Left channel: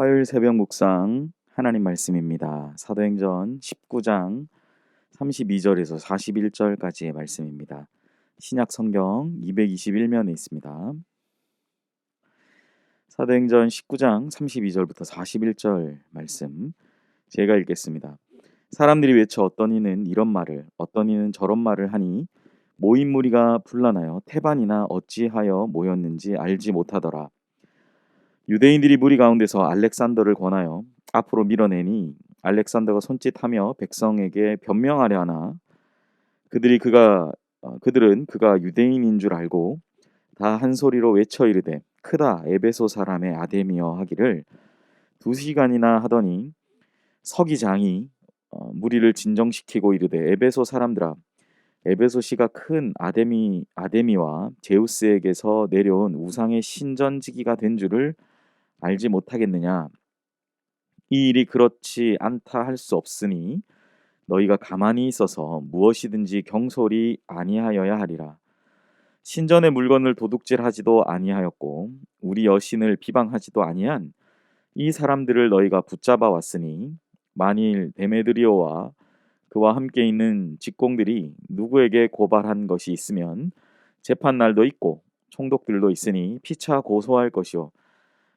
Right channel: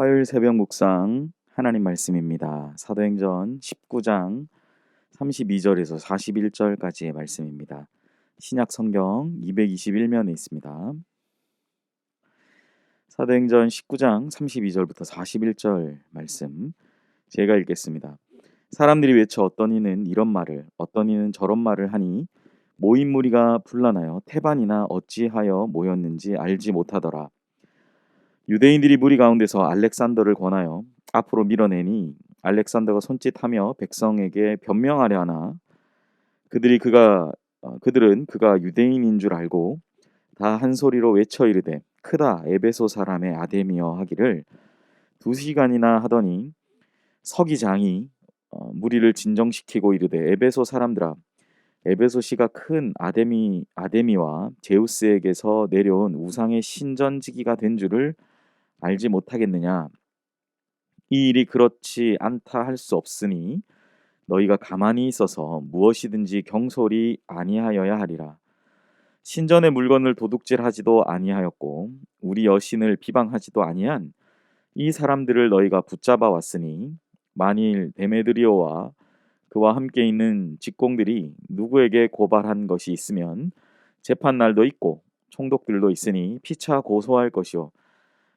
화요일 새벽 묵상 하나님 말씀입니다. 사도행전 19장 32절에서 41절까지의 말씀입니다. 신약 성경 221면에 있습니다. 사도행전 19장 32절부터 41절 말씀 제가 읽겠습니다. 사람들이 외쳐 어떤 이는 이런 말을 어떤 이는 저런 말을 하니 모인 무리가 분란하여 태반이나 어찌하여 모였는지 알지 못하더라. 유대인들이 무리 가운데서 알렉산더를 권하여 앞으로 밀어내니 알렉산더가 손짓하며 백성에게 변명하려 하나 그들은 그가 유대인인 줄 알고 다 한 소리로 외쳐 이르되 크다 에베소 사람의 아데미여 하기를 2시간이나 하더니 서기장이 무리를 진정시키고 이르되 에베소 사람들아 에베소시가 큰 아데미와 제우스에게서 내려온 우상의 신전지기가 된 줄을 알지 못하겠느냐. 이 일이 그렇지 않다 할 수 없으니 너희가 가만히 있어서 무엇이든지 경솔히 아니하여야 하리라. 신전의 물건을 도둑질하지도 아니하였고 우리 여신을 비방하지도 아니한 이 사람들을 너희가 붙잡아 왔으니 만일 데메드리오와 그와 함께 있는 직공들이 누구에게 고발한 것이 있으면 재판날도 있고 총독들도 있으니 피차 고소할 것이요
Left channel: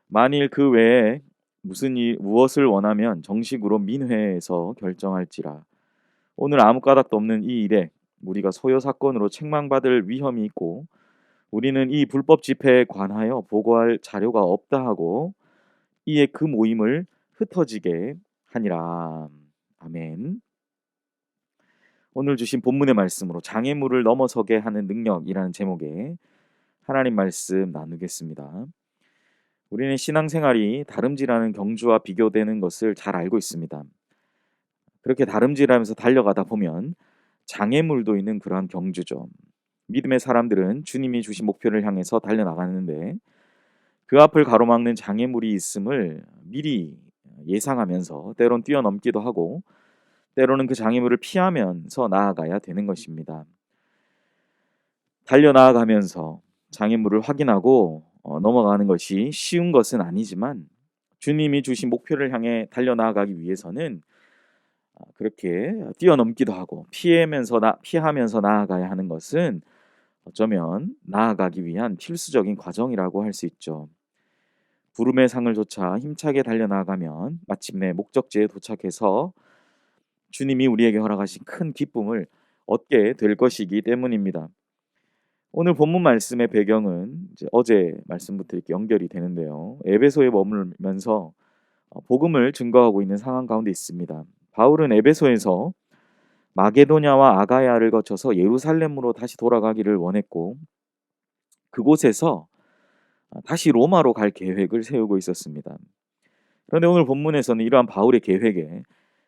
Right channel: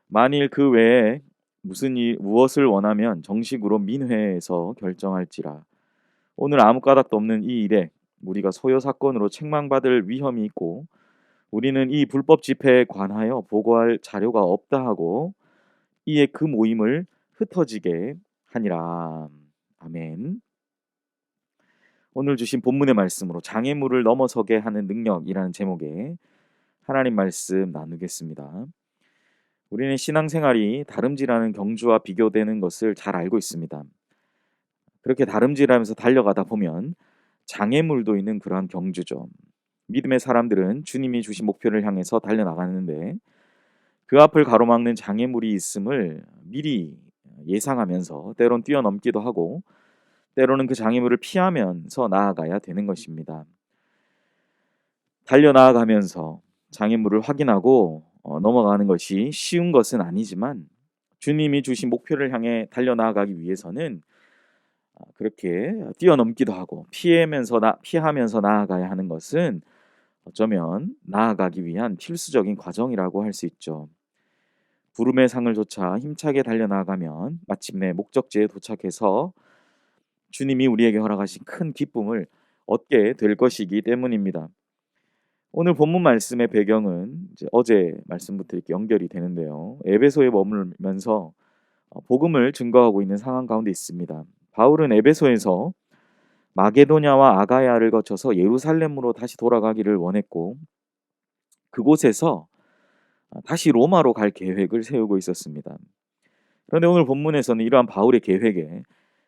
만일 그 외에 무엇을 원하면 정식으로 민회에서 결정할지라. 오늘 아무 까닭도 없는 이 일에 우리가 소요 사건으로 책망받을 위험이 있고 우리는 이 불법 집회에 관하여 보고할 자료가 없다 하고 이에 그 모임을 흩어지게 하니라. 아멘. 오늘 주신 본문의 말씀으로 장애물을 넘어서게 하는 능력이라는 제목의 하나님 말씀 나누겠습니다. 우리는 신앙생활이 다름질하는 경주와 비교되는 것을 잘 알고 있습니다. 그렇게 다름질하면서 달려가다 보면 장애물도 있는 그러한 경주죠. 믿음의 사람들은 주님이 주신 목표를 향해서 달려나가는데 그 앞을 가로막는 장애물이 있음을 미리 예상하면서 때론 뛰어넘기도 하고 때로는 그 장애물을 피하면서 나아가야 되는 것입니다. 달려나아가면서 장애물을 확인하고 넘어가는 것이 쉬운 것은 아니지만 주님이 주신 목표를 향해 달려나아가기 위해서는 그렇게 뛰어넘기도 하고 피하면서 나아가야 하는 것은 어쩌면 나아가기 위한 필수적인 과정이라고 할 수 있죠. 부름의 상을 좇아 힘차게 달려나가면 마침내 목적지에 도착해서 주님이 우리에게 허락하신 큰 기쁨을 얻게 될 것이기 때문입니다. 오늘 본문 말씀의 배경은 이제 어제 말씀부터 이렇게 연결이 되는데요. 에베소에 머물면서 복음을 증거하고 있는 상황 가운데 있습니다. 바울은 에베소에서 마게도냐와 아가야를 거쳐서 예루살렘으로 다시 돌아가기를 원했고 그곳에서 다시 로마로 갈 계획을 세우고 있었습니다. 그런데 오늘 본문에서는 이러한 바울의 계획에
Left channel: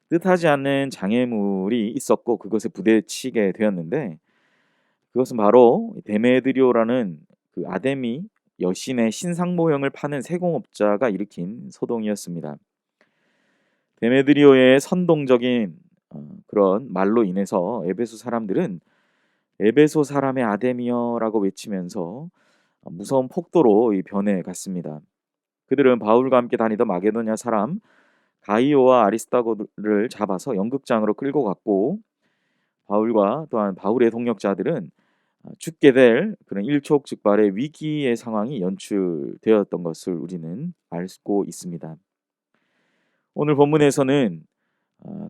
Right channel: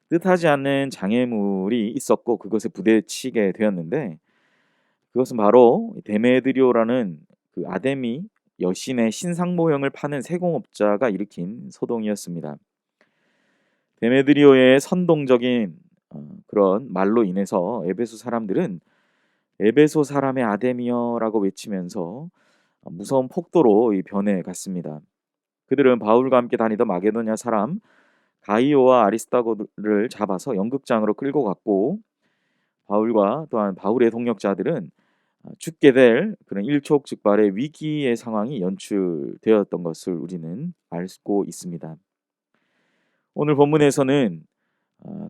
뜻하지 않는 장애물이 있었고 그것에 부딪히게 되었는데 그것은 바로 데메드리오라는 그 아데미 여신의 신상 모형을 파는 세공업자가 일으킨 소동이었습니다. 데메드리오의 선동적인 그런 말로 인해서 에베소 사람들은 에베소 사람의 아데미어라고 외치면서 무서운 폭도로 변해갔습니다. 그들은 바울과 함께 다니던 마게도냐 사람 가이오와 아리스타고를 잡아서 연극장으로 끌고 갔고 바울과 또한 바울의 동역자들은 죽게 될 그런 일촉즉발의 위기의 상황이 연출되었던 것을 우리는 알고 있습니다. 오늘 본문에서는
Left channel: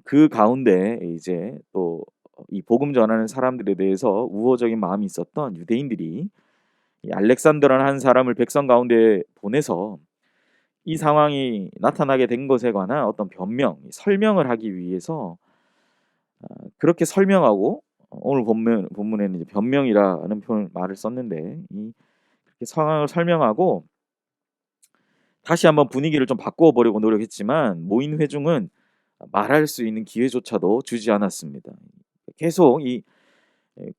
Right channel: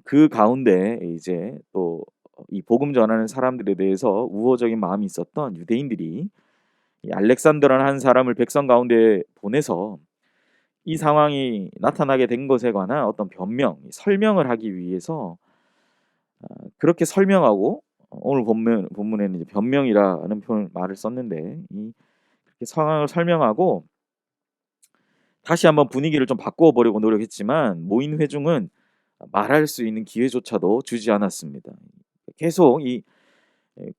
그 가운데 이제 또 이 복음 전하는 사람들에 대해서 우호적인 마음이 있었던 유대인들이 이 알렉산더라는 한 사람을 백성 가운데 보내서 이 상황이 나타나게 된 것에 관한 어떤 설명을 하기 위해서 그렇게 설명하고 오늘 본문에는 이제 변명이라는 말을 썼는데 이 그렇게 상황을 설명하고 다시 한번 분위기를 좀 바꾸어 보려고 노력했지만 모인 회중은 말할 수 있는 기회조차도 주지 않았습니다. 계속 이 이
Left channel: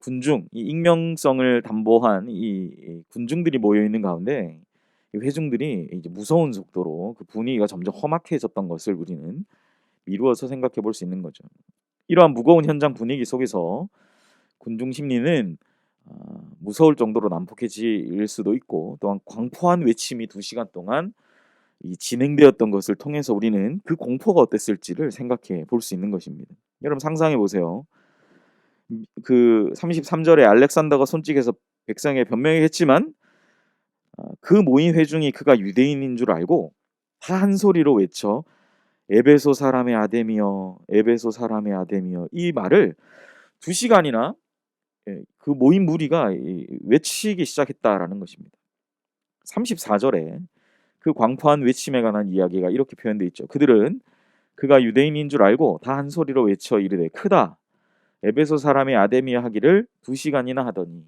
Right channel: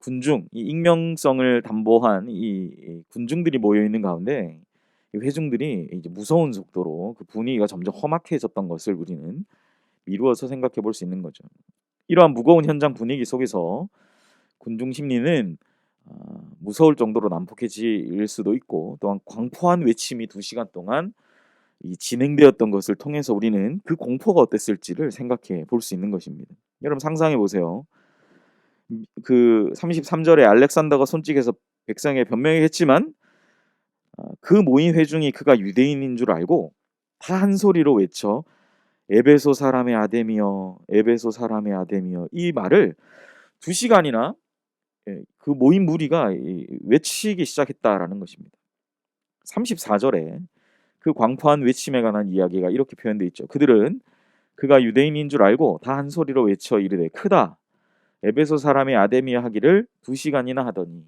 익명성을 담보한 이 군중들이 모여 있는 가운데 이 회중들이 이제 무서운 속도로 그 분위기가 점점 험악해졌던 것을 우리는 미루어서 생각해 볼 수 있는 거죠. 이러한 무거운 현장 분위기 속에서 군중 심리는 무서울 정도로 난폭해질 수도 있고 또한 광포한 외침이 2시간 동안 이 진행되었던 것을 통해서 우리는 그 공포가 어땠을지를 생각해 볼 수 있는 것입니다. 여러분 상상해 보세요. 그 33 절에 알렉산더가 손짓해서 백성에게 변명을 했지만 그 모인 회중이 그가 유대인인 줄 알고 다 한 소리로 외쳐 에베소 사람의 아데미여, 에베소 사람의 아데미여 이 말을 2시간이나 그 모인 무리가 외치기 시작했다라는 것입니다. 34절에 그 광포한 외침에 관한 이야기가 이렇게 표현되어 있죠. 그들은 그가 유대인인 줄 알고 다 한 소리로 외쳐 이르되 크다 에베소 사람의 아데미여 하기를 2시간이나 하더니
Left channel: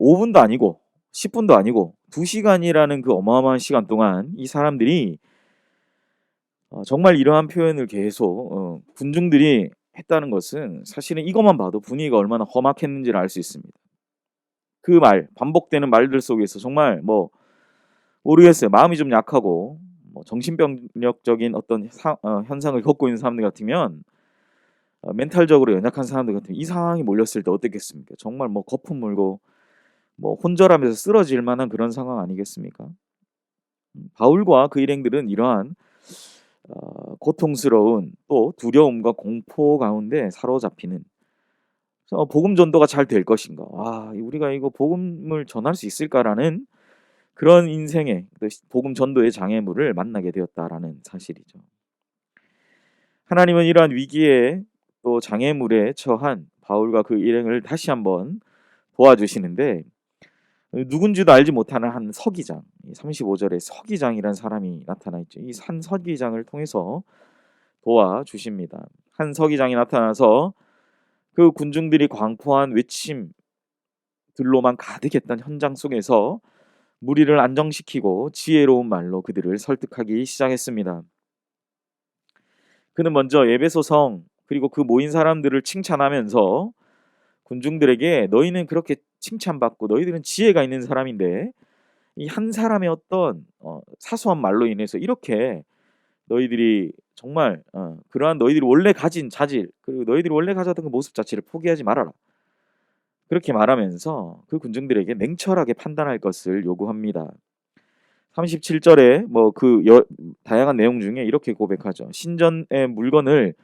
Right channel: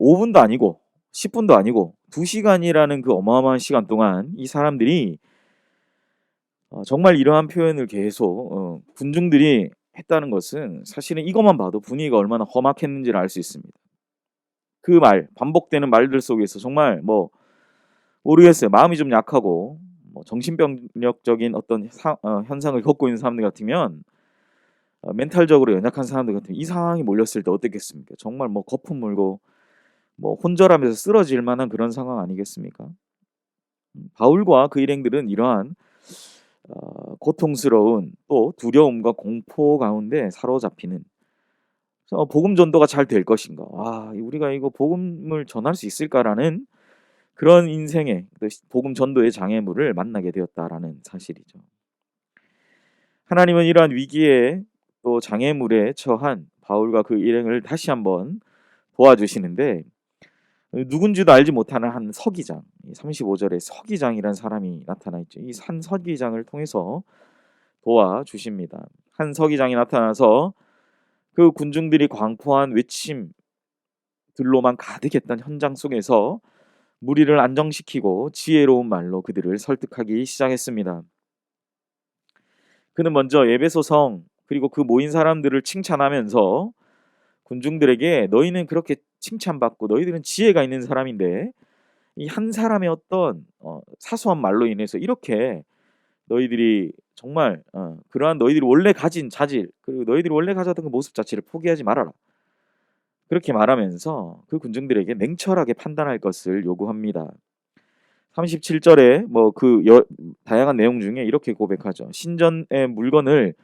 5분도 아니고 10분도 아니고 2시간이라는 그 어마어마한 시간 동안 이 사람들이 정말 이러한 표현을 계속 군중들이 했다는 것은 사실은 이것만 봐도 분위기가 얼마나 험악했는지를 알 수 있습니다. 그 말, 반복되는 말들 속에서 정말 모르겠어요. 마음이 좀 약하고 정신병력적인 어떤 현상을 겪고 있는 사람들 같으면 멘탈적으로 연약한 사람들 같으면 이 상황이 몰렸을 때 어떻겠습니까? 정말 거품 물고 혼절하면서 쓰러질 만한 그런 상황 아니겠습니까? 바울과 그 일행들은 이러한 고통스러운 또 두려움과 공포 가운데 사로잡히는 복음 전도가 잘 될 것인가? 우리가 이거 복음을 전할 수 있을까라는 그런 인생의 복음 전도의 장애물을 만나게 되었다라는 사실이죠. 하나님은 이러한 위기에 또 장애물에 처한 바울과 그 일행을 다시 한번 도와주시는데 누군지도 알지 못하는 한 서기장, 35절에 서기장이라는 사람이 나타나 있죠. 이 한 서기장을 통해서 도와주십니다. 한 서기장이 나타나서 그 군중들이 광포한 외침들로만 가득했던 현장 속에서 무리를 안정시키고 지혜로운 말로 그들을 설득하기 시작했습니다. 그는 먼저 에베소 성 그리고 그 모인 사람들을 칭찬하면서 군중들에게 너희는 그렇게 칭찬받고 너희들은 지혜가 있는 사람인데 이 한 사람의 어떤 사소한 말로 인해서 이렇게 너희들이 정말 그러한 너희들이 원래 가진 자질 그리고 너희들이 원래 가졌던 그 모습 자체를 포기하지 말아라. 그렇게 말하면서 그 군중들에게 냉철하게 판단할 것을 요구합니다. 37절에 다양한 내용 중에 이렇게 고백하죠. 신전의 물건을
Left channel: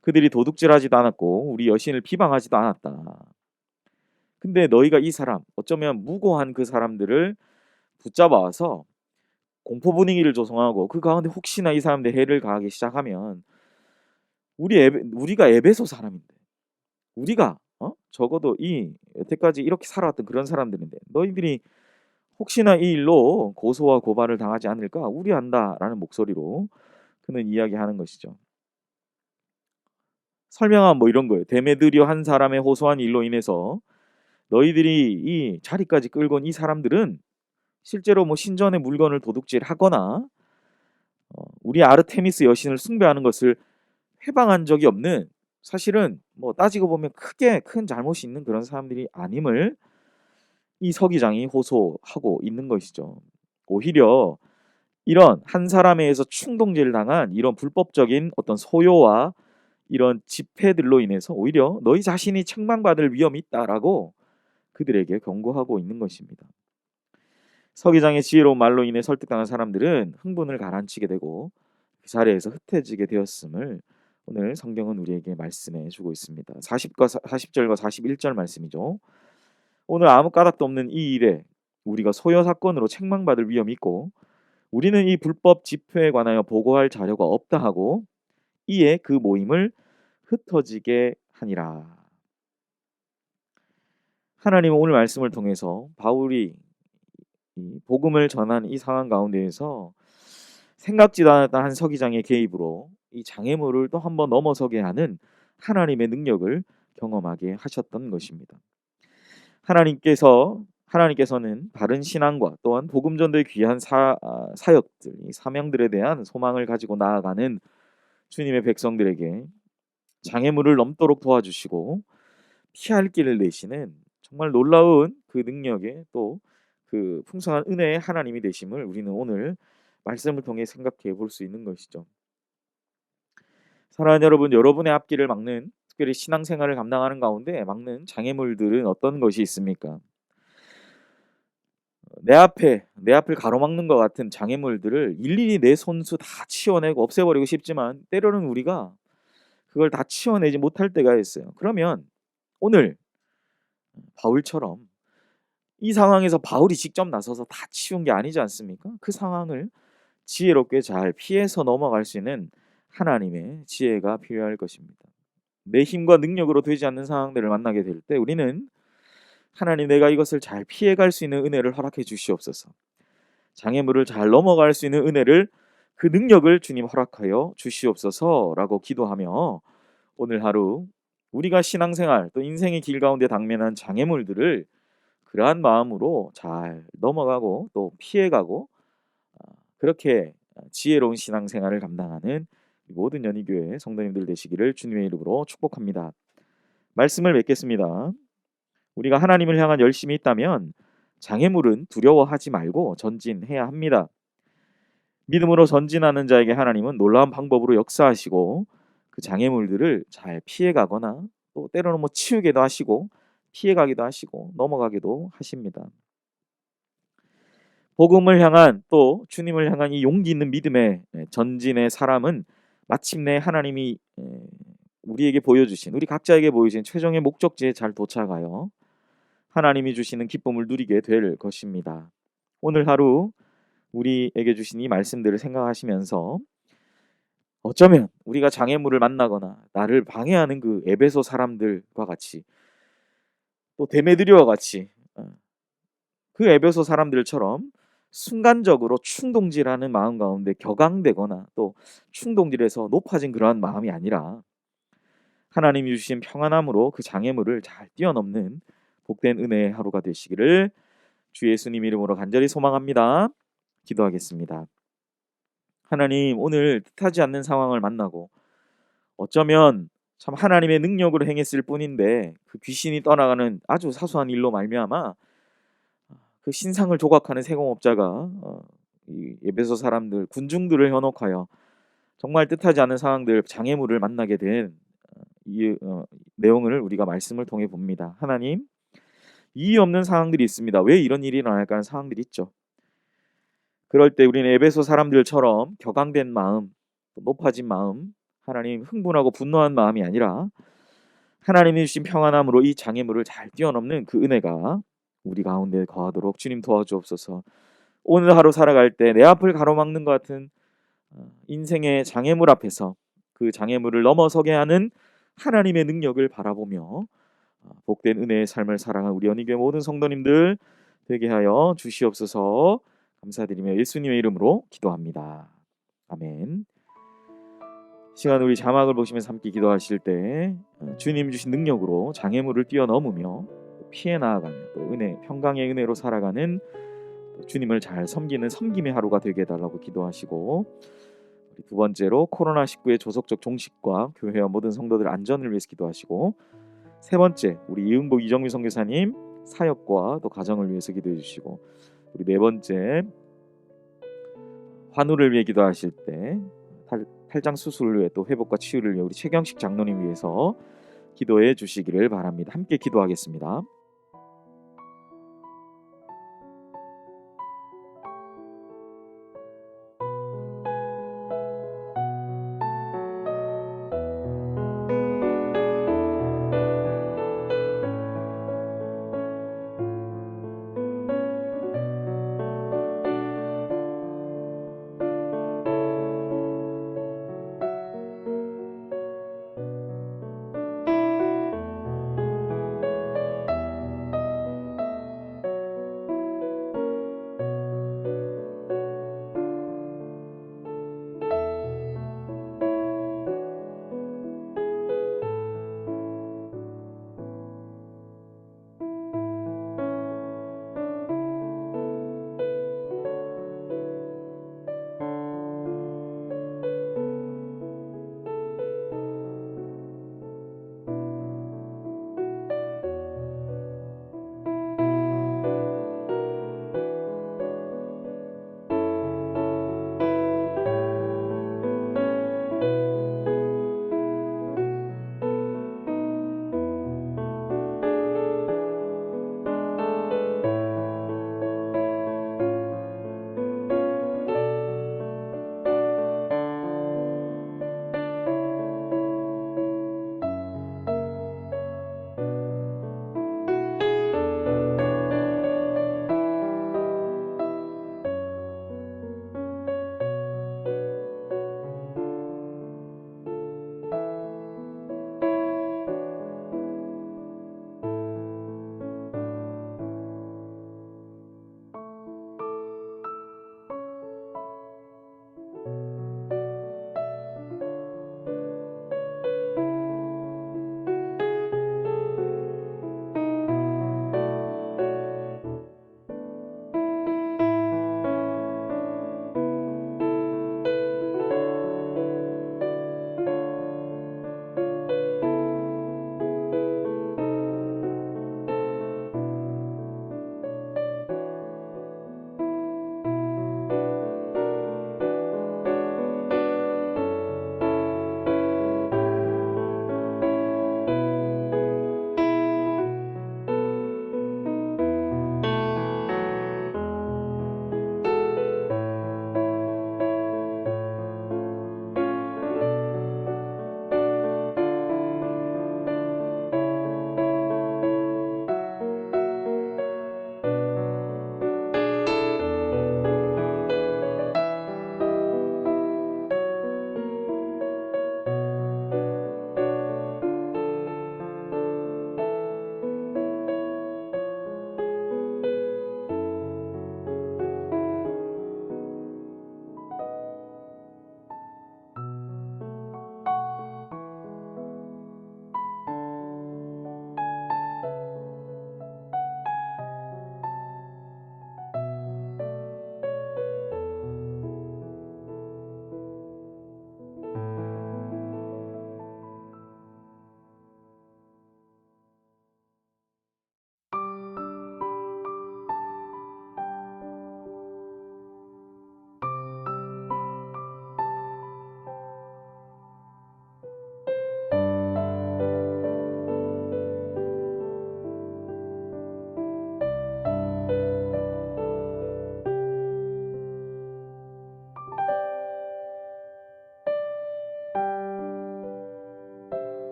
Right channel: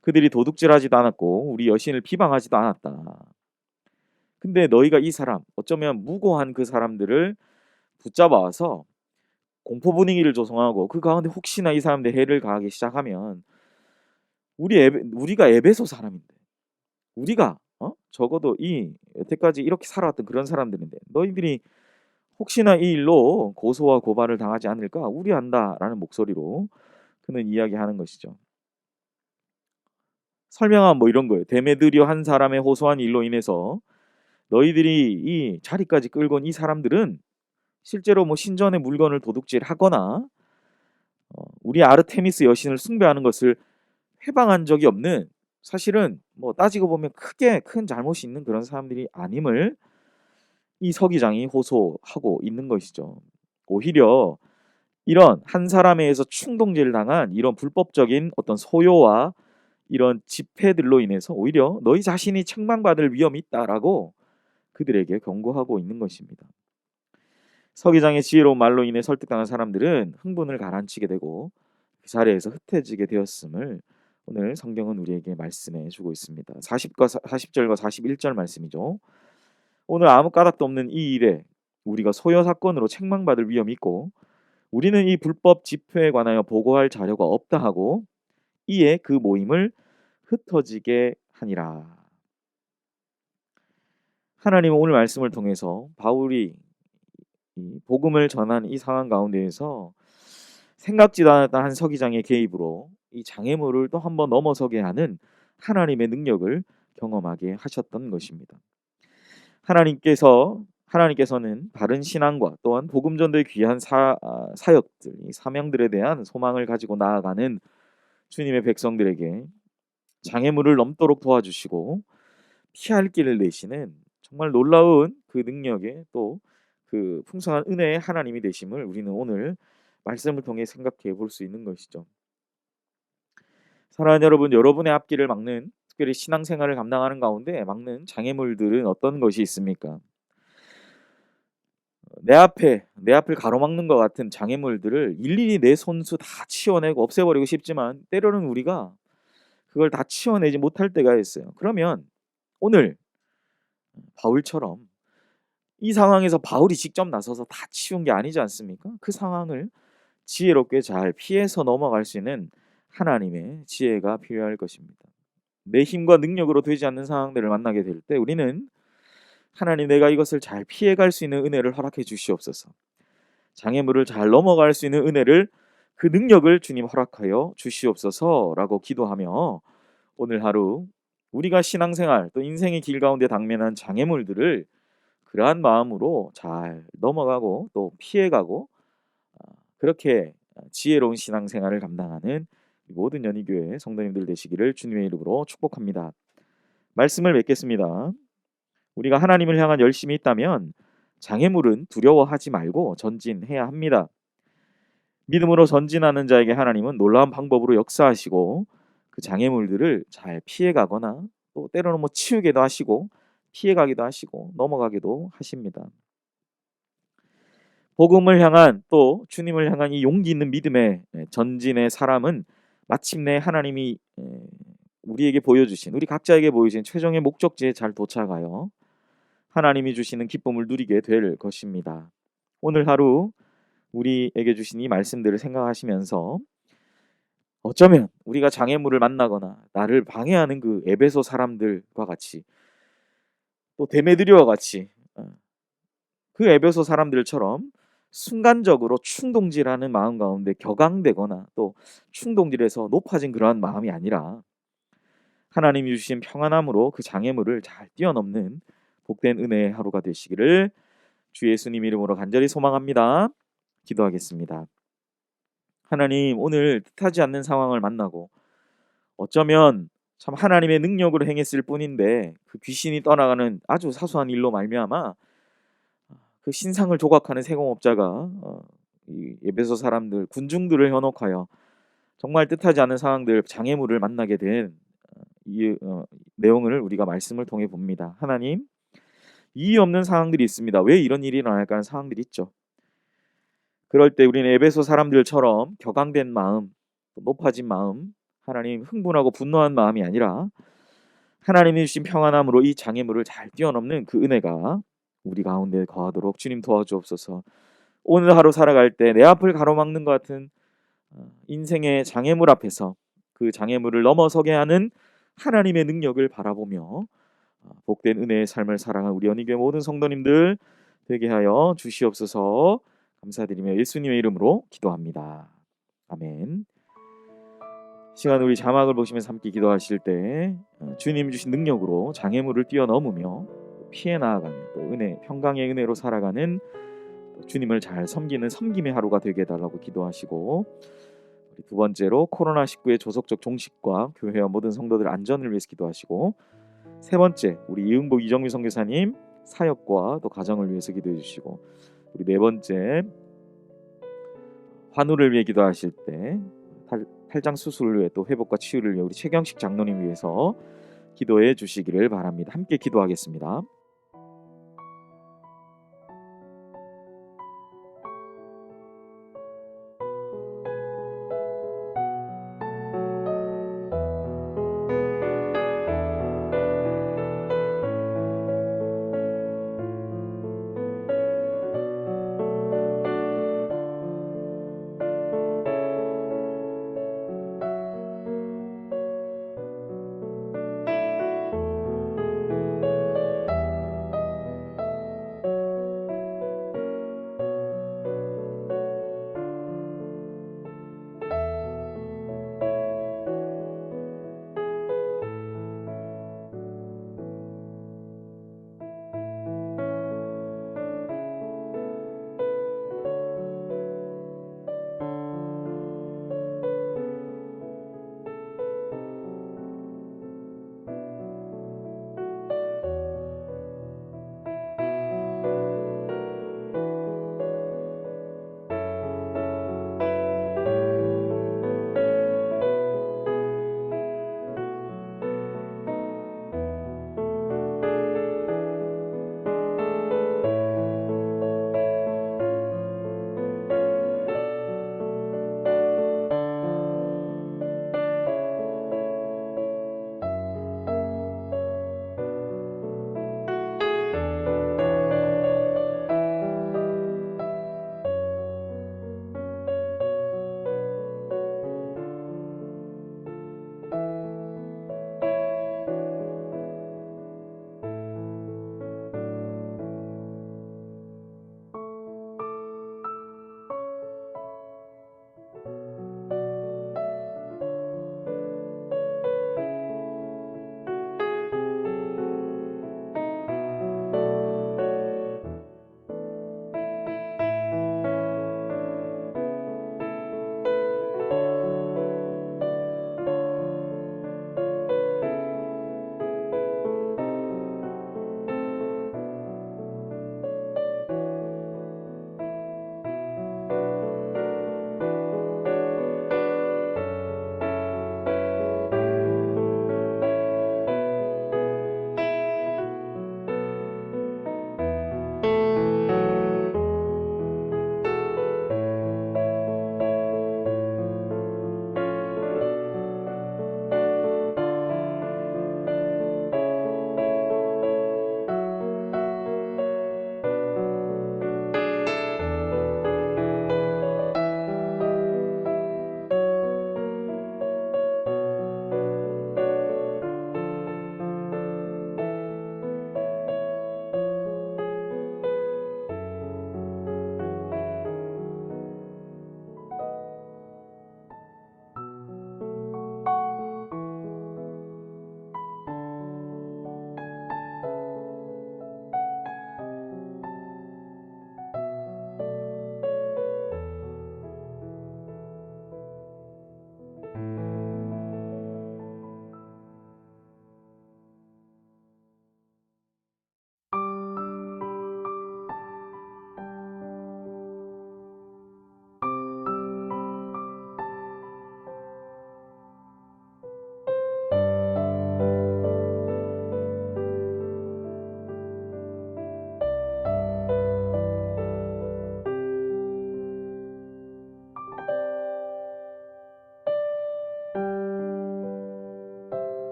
그들이 도둑질하지도 않았고 우리 여신을 비방하지도 않았다. 근데 너희가 이 사람 어쩌면 무고한 그 사람들을 붙잡아와서 공포 분위기를 조성하고 그 가운데 혹시나 이 사람들 해를 가하기 시작하면 우리가 에베소 사람인데 우리가 적어도 여태까지 이렇게 살아왔던 그런 사람들인데 너희들이 혹시나 이 일로 고소와 고발을 당하지 않을까 우려한다라는 목소리로 그는 이야기하는 것이죠. 설명한 이런 거예요. 데메드리오 한 사람의 호소한 일로 인해서 너희들이 이 자리까지 끌고 온 이 사람들은 실제로 신전의 물건을 도둑질하거나 우리 아르테미스 여신을 숭배하는 것을 회방한 적이 없는 사실은 따지고 보면 크게 큰 잘못이 있는 그런 사람들이 아님을 이 서기장이 호소하고 있는 것이죠. 오히려 이런 한 사람에 의해서 충동질을 당한 이런 불법적인 어떤 소요와 이런 집회들로 인해서 오히려 너희 자신이 책망받을 위험이 있다라고 그들에게 경고하고 있는 것입니다. 서기장의 지혜로운 말로 인해 설득당한 사람들은 흥분을 가라앉히게 되고 그 자리에서 흩어지게 되었음을 오늘 성경은 우리에게 말씀해 주고 있습니다. 40절과 41절 말씀이죠. 오늘 아무 까닭도 없는 이 일에 우리가 소요 사건으로 책망받을 위험이 있고 우리는 이 불법 집회에 관하여 보고할 자료가 없다 하고 이에 그 모임을 흩어지게 하니라. 하나님은 오늘 말씀을 통해서 바울이 이 복음을 전한 이 상황 가운데에서 생각지도 않았던 한 서기장의 개입으로 이 장애물을 또 한번 넘어서게 하는 하나님의 능력을 경험하게 하셨던 것입니다. 하나님께서는 바른 신앙과 또한 복음 전도의 귀한 사역들, 이 사명들에 대한 소망을 가지고 나아가는 주님의 백성들에게 장애물을 넘도록 도와주시고 피할 길을 내시는 정말 놀라운 그 능력의 또 그 풍성한 은혜의 하나님이 되심을 우리는 오늘 말씀을 통해 생각해 볼 수 있는 것이죠. 사랑하는 여러분, 여러분의 앞길을 막는 특별히 신앙생활을 감당하는 가운데 막는 장애물들은 어떤 것이 있습니까? 내 앞을 가로막는 것 같은 장애물들을 일일이 내 손수 다 치워내고 없애버리고 싶지만 때로는 우리가 그걸 다 치워내지 못할 때가 있어요. 그러면 오늘 바울처럼 이 상황에서 바울이 직접 나서서 다 치운 게 아니지 않습니까? 그 상황을 지혜롭게 잘 피해서 넘어갈 수 있는 하나님의 지혜가 필요할 것입니다. 내 힘과 능력으로 되지 않는 상황들을 만나게 될 때 우리는 하나님, 내가 이것을 잘 피해갈 수 있는 은혜를 허락해 주시옵소서. 장애물을 잘 넘어갈 수 있는 은혜를, 그 능력을 주님 허락하여 주시옵소서라고 기도하며 오늘 하루 우리가 신앙생활 또 인생의 길 가운데 당면한 장애물들을 그러한 마음으로 잘 넘어가고 또 피해가고 그렇게 지혜로운 신앙생활을 감당하는 모든 연희교회 성도님들 되시기를 주님의 이름으로 축복합니다. 말씀을 맺겠습니다. 우리가 하나님을 향한 열심이 있다면 장애물은 두려워하지 말고 전진해야 합니다. 믿음으로 전진하는 자에게 하나님은 놀라운 방법으로 역사하시고 그 장애물들을 잘 피해가거나 또 때로는 치우기도 하시고 피해가기도 하시고 넘어가기도 하십니다. 복음을 향한 또 주님을 향한 이 용기 있는 믿음의 전진의 사람은 마침내 하나님이 우리에게 보여주신, 우리 각자에게 보여주신 최종의 목적지에 잘 도착하여 하나님이 주시는 기쁨을 누리게 될 것입니다. 오늘 하루 우리에게 주신 이 말씀들을 생각하시면서 어쩌면 우리가 장애물을 만나거나 나를 방해하는 그 에베소 사람들과 같이 또 데메드리오와 같이 그 에베소 사람들처럼 순간적으로 충동질하는 마음 가운데 격앙되거나 또 충동질에서 높아진 그러한 마음이 아니라 하나님이 주신 평안함으로 그 장애물을 잘 뛰어넘는 복된 은혜의 하루가 되시기를 주 예수님 이름으로 간절히 소망합니다. 기도하겠습니다. 하나님, 오늘 뜻하지 않는 상황을 만나고 어쩌면 참 하나님의 능력으로 행했을 뿐인데 그 귀신이 떠나가는 아주 사소한 일로 말미암아 그 신상을 조각하는 세공업자가 이 에베소 사람들 군중들을 현혹하여 정말 뜻하지 않은 상황들, 장애물을 만나게 된 이 내용을 우리가 말씀을 통해 봅니다. 하나님, 이유 없는 상황들이 있습니다. 왜 이런 일이 일어날까 하는 상황들이 있죠. 그럴 때 우리는 에베소 사람들처럼 격앙된 마음, 높아진 마음, 하나님 흥분하고 분노한 마음이 아니라 하나님이 주신 평안함으로 이 장애물을 잘 뛰어넘는 그 은혜가 우리 가운데 거하도록 주님 도와주옵소서. 오늘 하루 살아갈 때 내 앞을 가로막는 것 같은 인생의 장애물 앞에서 그 장애물을 넘어서게 하는 하나님의 능력을 바라보며 복된 은혜의 삶을 살아가는 우리 연희교회 모든 성도님들 되게 하여 주시옵소서. 감사드리며 예수님의 이름으로 기도합니다. 아멘. 시간 우리 자막을 보시면서 함께 기도하실 때 주님 주신 능력으로 장애물을 뛰어넘으며 피해 나아가며 또 은혜, 평강의 은혜로 살아가는 주님을 잘 섬기는 섬김의 하루가 되게 해달라고 기도하시고, 우리 두 번째로 코로나19의 조속적 종식과 교회와 모든 성도들 안전을 위해서 기도하시고, 세 번째 우리 이응복 이정미 선교사님 사역과 또 가정을 위해서 기도해 주시고, 우리 네 번째 환우를 위해 기도하실 때 탈장 수술을 위해 또 회복과 치유를 위해 우리 최경식 장로님 위해서 기도해 주시기를 바랍니다. 함께 기도하겠습니다.